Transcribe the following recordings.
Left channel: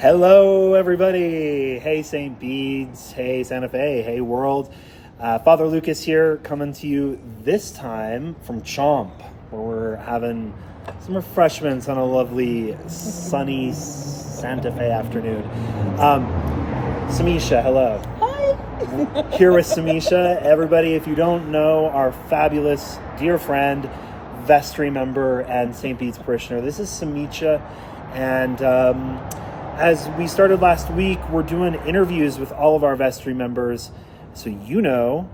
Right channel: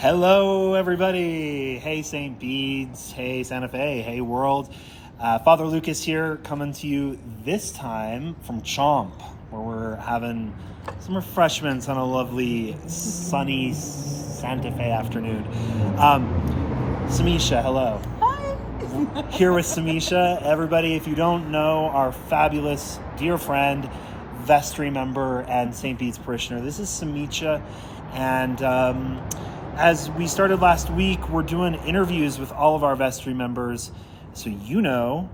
Hello, everybody. Hey, St. Bede's. Hey, Santa Fe. Hey, world. Father Lucas here, coming to you this time from Chomp, where we're having some refreshments on a lovely, sunny Santa Fe afternoon. Simesha, hello. Hi. Here with Simesha. Everybody, if you don't know, our fabulous dear friend, Vestry member and St. Bede's parishioner, this is Simesha. And as we started last week, we're doing interviews with all of our Vestry members, so you know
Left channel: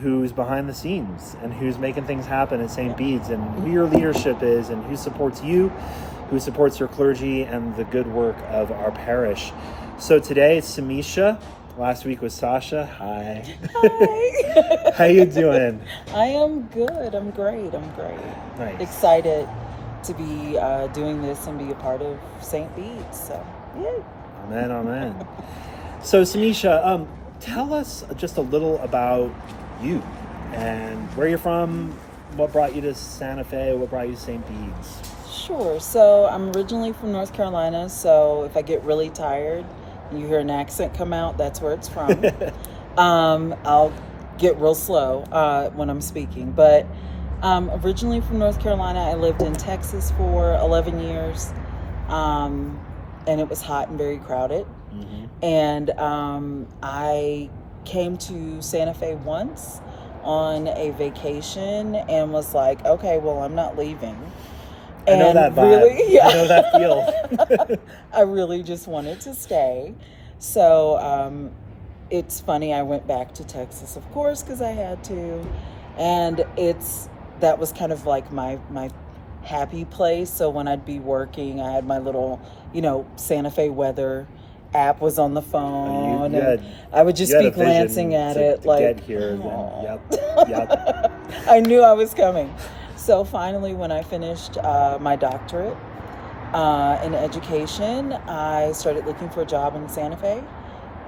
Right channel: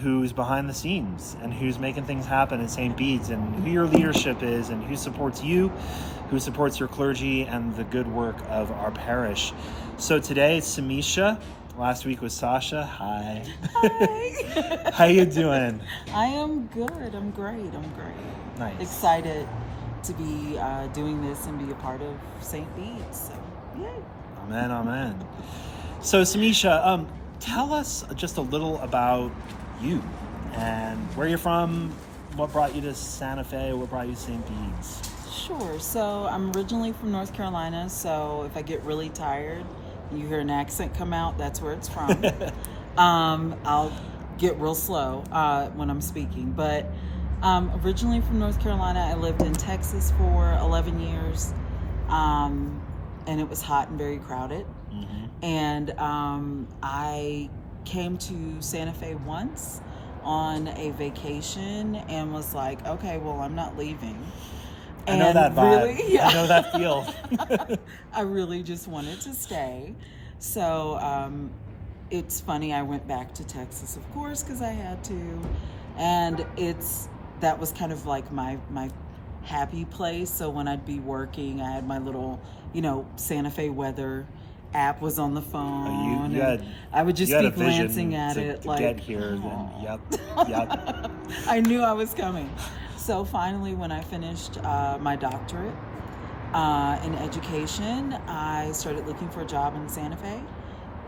who's behind the scenes and who's making things happen at St. Bede's and who your leadership is and who supports you, who supports your clergy and the good work of our parish. So today it's Simesha. Last week was Sasha. Hi. Hi. How you doing? I am good. I'm great. Nice. Excited to be doing this and be a part of St. Bede's. So, yay. Amen. So Simesha, tell us just a little about you and where you're from, what brought you to Santa Fe, what brought you to St. Bede's. Sure. So I'm originally from North Carolina. So if I get really tired and you hear an accent come out, that's where it's from. I'll get real slow when I'm speaking. But originally from North Carolina, I lived in Texas for 11 years. And it was hot and very crowded. Mm-hmm. And I came to Santa Fe once on a vacation and was like, okay, well, I'm not leaving. I know that vibe. Really, yeah. I know that feel. I really just wanted to stay. So it's funny, I went back to Texas, of course, because I had to. And that was kind of like my happy place. So when I'd be working, I had my little, Santa Fe weather app was on the phone, and I would just be glancing at it like, get here. Then, yep. I knew I was coming. So finally, when I finished my doctorate in education, I started looking for a job in Santa Fe.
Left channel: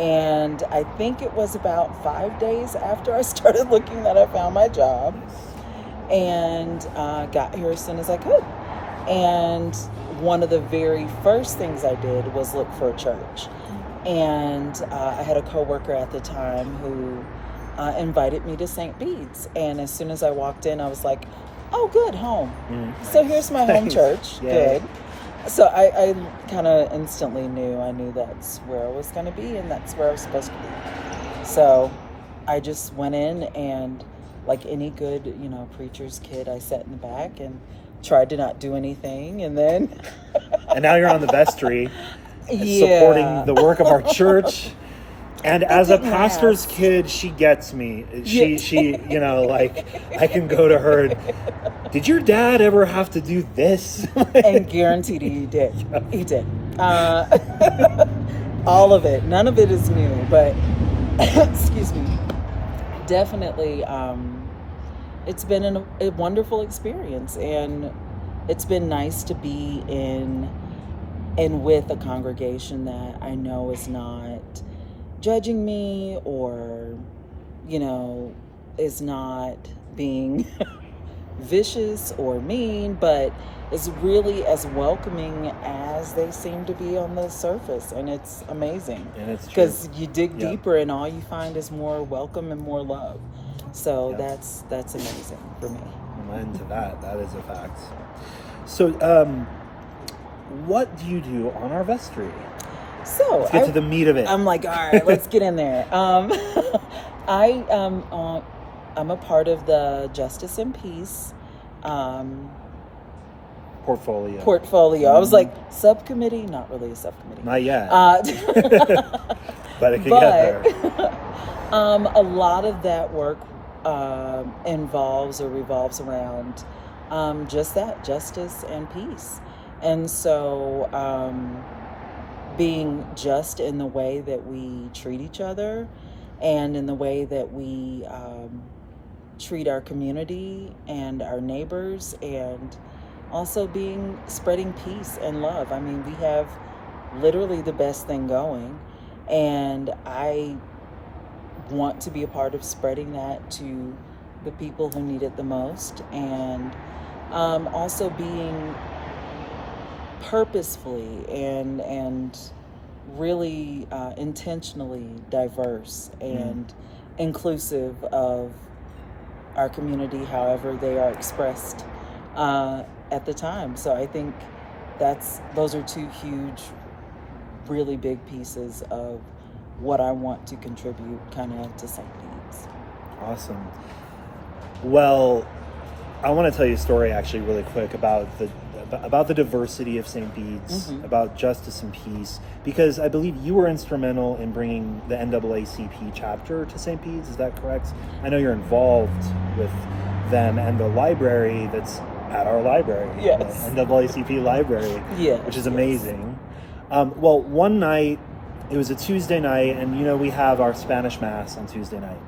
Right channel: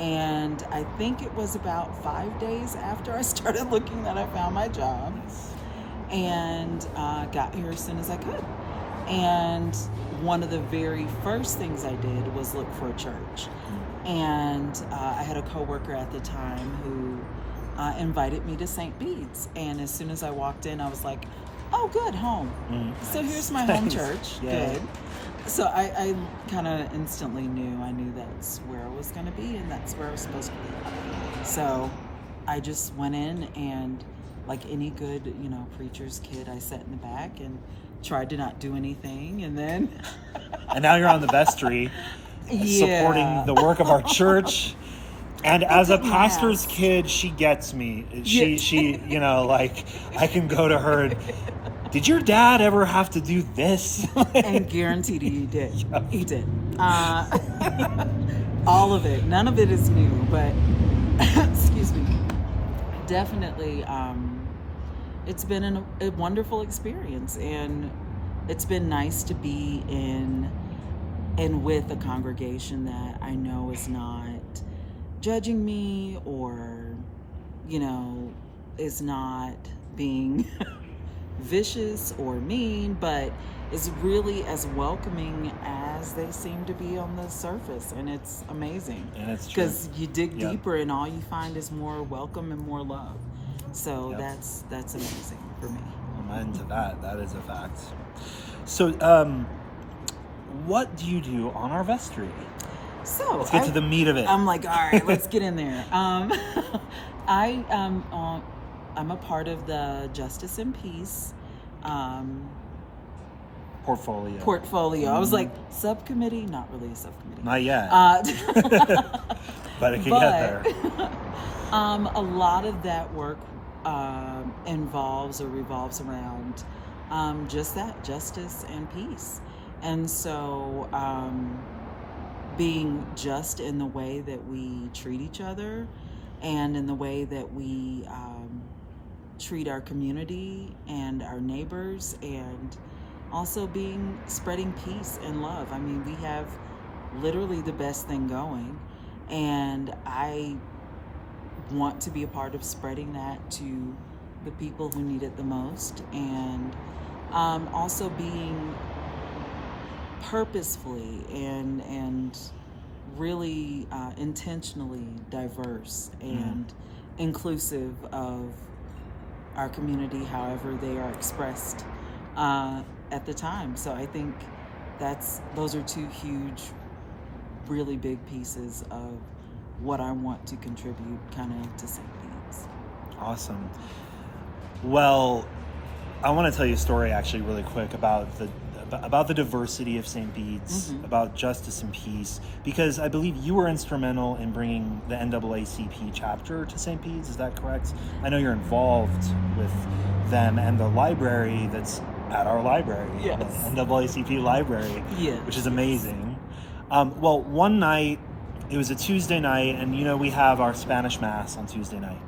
And I think it was about 5 days after I started looking that I found my job, and got here as soon as I could. And one of the very first things I did was look for a church. And I had a coworker at the time who invited me to St. Bede's. And as soon as I walked in, I was like, oh, good, home. So here's my home church. Yeah. Good. So I kind of instantly knew that's where I was going to be, and that's where I was supposed to be. So I just went in, and like any good, preacher's kid, I sat in the back and tried to not do anything, and then and now you're on the vestry, yeah, supporting the work of our church. And as a pastor's kid, she gets me. She like, I can go to her and, did your dad ever have to do this? And guaranteed he did. He did. All of it. None of it is new, but excuse me. Definitely, it's been a wonderful experience, and it's been nice to be in and with a congregation that I know is not judging me or, is not being vicious or mean, but is really as welcoming as they seem to be on the surface. And it's amazing. And it's true. Because you dig deeper and all you find is more welcome and more love. So that's amazing for me. Amen to that. That is a fact. So, what do you do on our vestry? So let's get to the meat of it. I'm like, all right, let's get in there. I'm a part of the Justice and Peace portfolio. Mm-hmm. I was like, subcommittee, not really a subcommittee. Not yet. But it could get there. A lot of that work involves or revolves around just that, justice and peace. And so being just in the way that we treat each other and in the way that we treat our community and our neighbors, and also spreading peace and love. I mean, we have literally the best thing going, and I want to be a part of spreading that to the people who need it the most, and also being purposefully and really intentionally diverse and inclusive of our community, however they are expressed at the time. So I think those are two huge, really big pieces of what I want to contribute kind of to St. Bede's. Awesome. Well, I want to tell you a story actually really quick about the diversity of St. Bede's, about justice and peace, because I believe you were instrumental in bringing the NAACP chapter to St. Bede's. Is that correct? I know you're involved with them and the library that's at our library, yes, the NAACP library, yes, which is amazing. Well, one night, it was a Tuesday night, and we have our Spanish Mass on Tuesday night.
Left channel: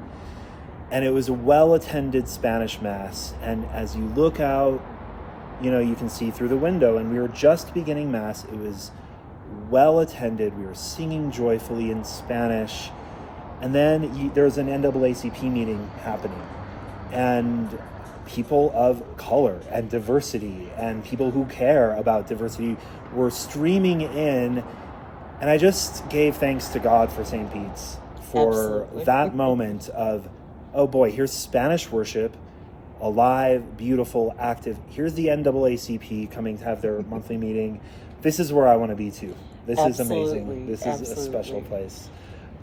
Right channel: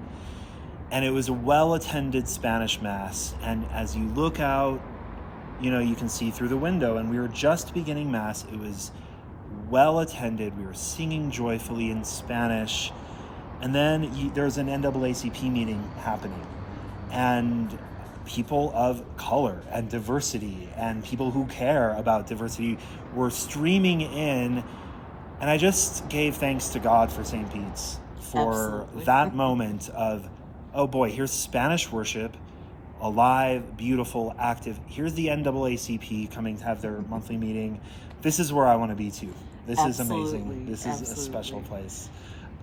And it was a well-attended Spanish Mass. And as you look out, you can see through the window. And we were just beginning Mass. It was well-attended. We were singing joyfully in Spanish. And then there was an NAACP meeting happening. And people of color and diversity and people who care about diversity were streaming in. And I just gave thanks to God for St. Bede's for Absolutely. that moment of, oh boy, here's Spanish worship, alive, beautiful, active. Here's the NAACP coming to have their monthly meeting. This is where I want to be too. This is amazing. This is a special place.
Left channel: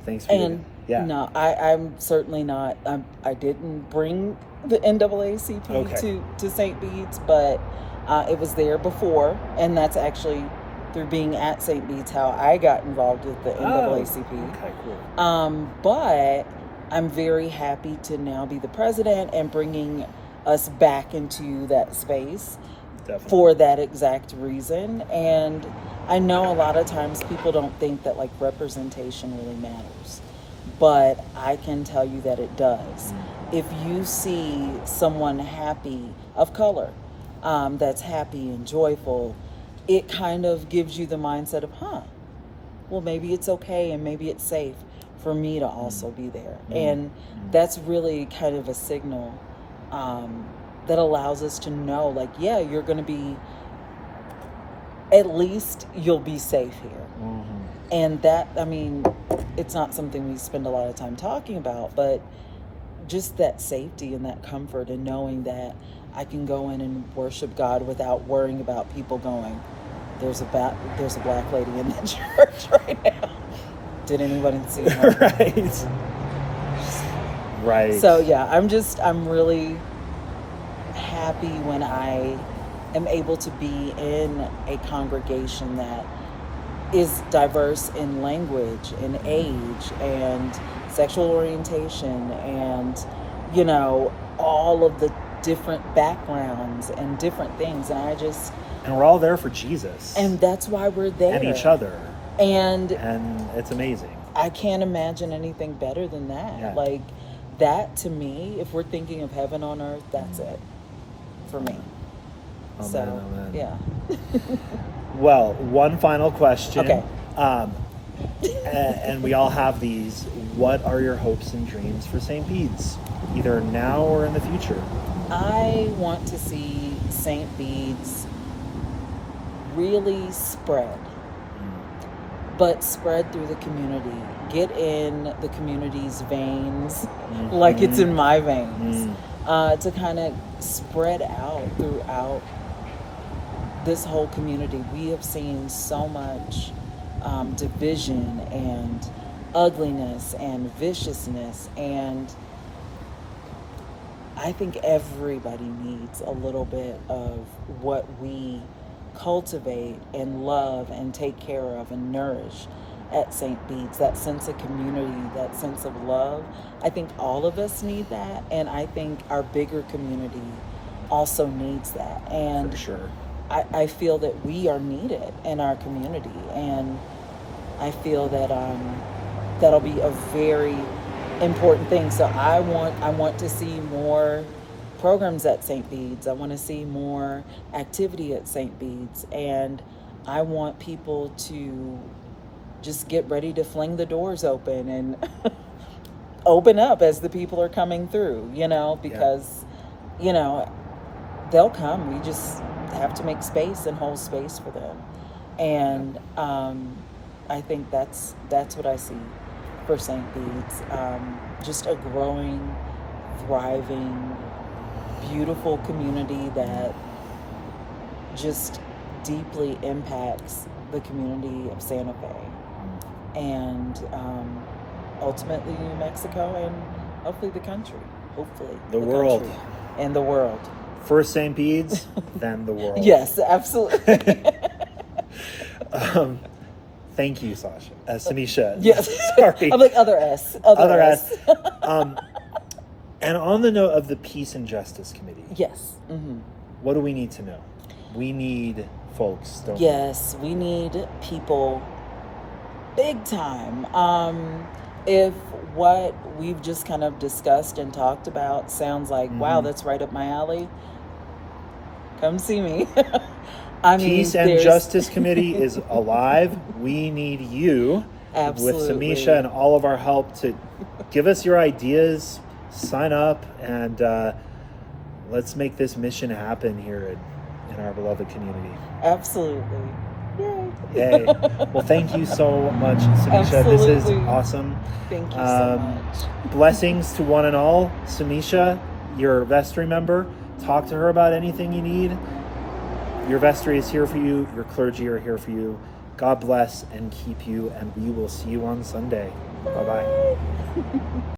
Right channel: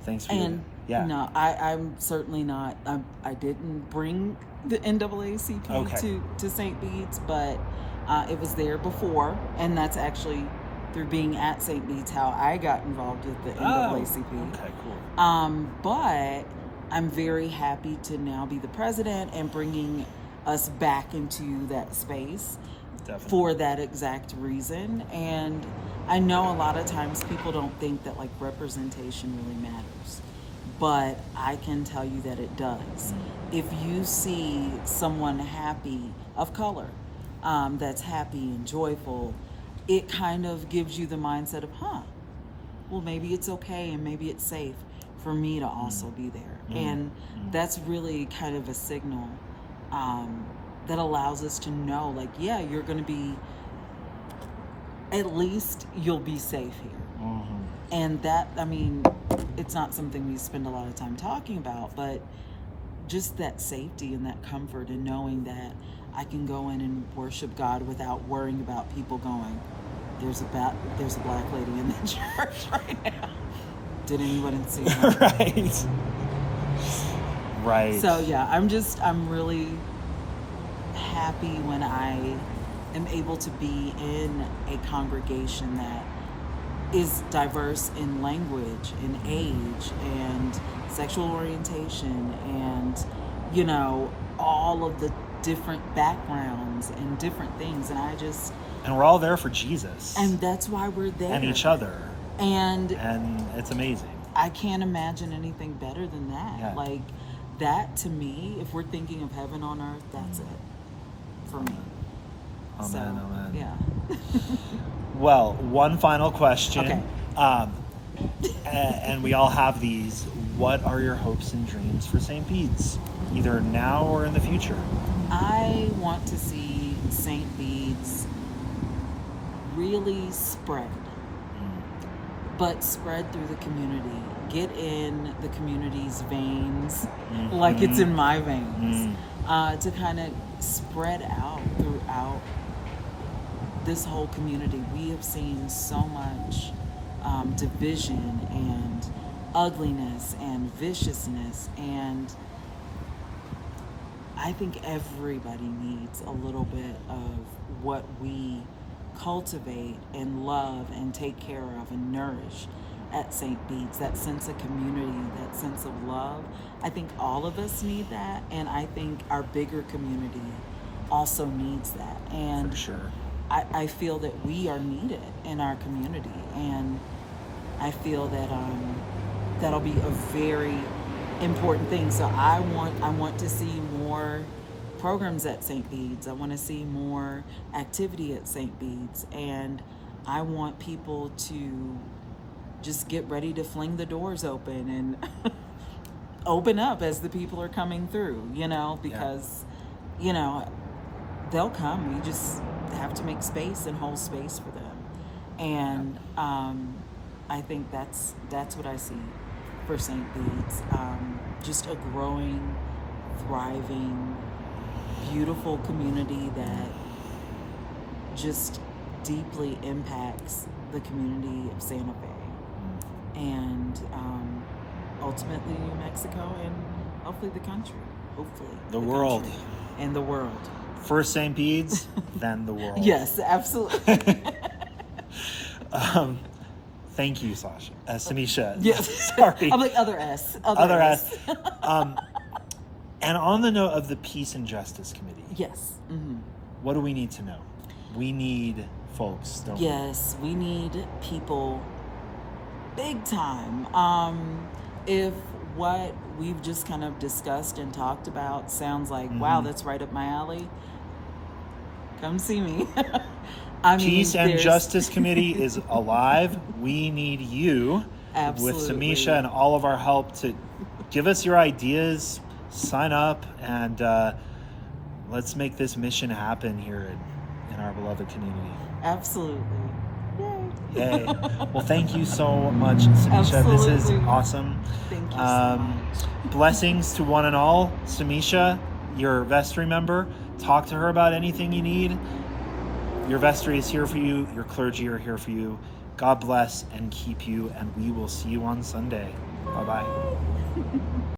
Thanks for No, I'm certainly not. I didn't bring the NAACP to St. Bede's, but it was there before, and that's actually through being at St. Bede's how I got involved with the NAACP. Okay, cool. But I'm very happy to now be the president and bringing us back into that space. Definitely. For that exact reason. And I know a lot of times people don't think that like representation really matters, but I can tell you that it does. If you see someone happy of color, that's happy and joyful, it kind of gives you the mindset of, well, maybe it's okay and maybe it's safe for me to also be there. And that's really kind of a signal that allows us to know, like, yeah, you're going to be, at least you'll be safe here. And that, I mean, it's not something we spend a lot of time talking about, but just that safety and that comfort and knowing that I can go in and worship God without worrying about people going, there's a black lady in the church right now. Did anybody see her? Right. So yeah, I'm really happy when I am able to be in a congregation that is diverse in language and age and sexual orientation and, all of the different backgrounds and different things. And we're all there for Jesus. And that's why we're there. And each other. And it's amazing. I can't imagine anything better than that. Yeah. Like, that to me, if we're thinking of heaven on earth, that's it for me. Amen. Yeah. Well, one final question. Okay. And we all have these. What are your hopes and dreams for St. Bede's, either now or in the future? I want to see St. Bede's really spread, but spread through the community. Get in the community's veins, like it's in my veins, to kind of spread out throughout this whole community. We have seen so much division and ugliness and viciousness, and I think everybody needs a little bit of what we cultivate and love and take care of and nourish at St. Bede's, that sense of community, that sense of love. I think all of us need that, and I think our bigger community also needs that. And for sure. I feel that we are needed in our community, and I feel that that'll be a very important thing. So I want to see more programs at St. Bede's. I want to see more activity at St. Bede's, and I want people to just get ready to fling the doors open and open up as the people are coming through, because they'll come. We just have to make space and hold space for them. And I think that's what I see for St. Bede's. Just a growing, thriving, beautiful community that just deeply impacts the community of Santa Fe and ultimately New Mexico and hopefully the country. Hopefully The world. country and the world. First St. Bede's, then the world. Yes, absolutely. Thank you, Sasha. Simesha. Yes. Sorry. I'm like other S. Other S. And on the note of the Peace and Justice Committee. Yes. Mm-hmm. What do we need to know? We need folks, don't we? Yes, we need people big time. If what we've just kind of discussed and talked about sounds like, wow, that's right up my alley, come see me. Peace and Justice Committee is alive. We need you Absolutely. with Simesha and all of our help to give us your ideas, sign up, and let's make this mission happen here in our beloved community. Absolutely. Yay. Well, thank you so much, Simesha. This is Absolutely. awesome. Thank you so much. Blessings to one and all. Simesha, your Vestry member, talk to her about anything you need. Your vestry is here for you. Your clergy are here for you. God bless and keep you, and we will see you on Sunday. Bye-bye.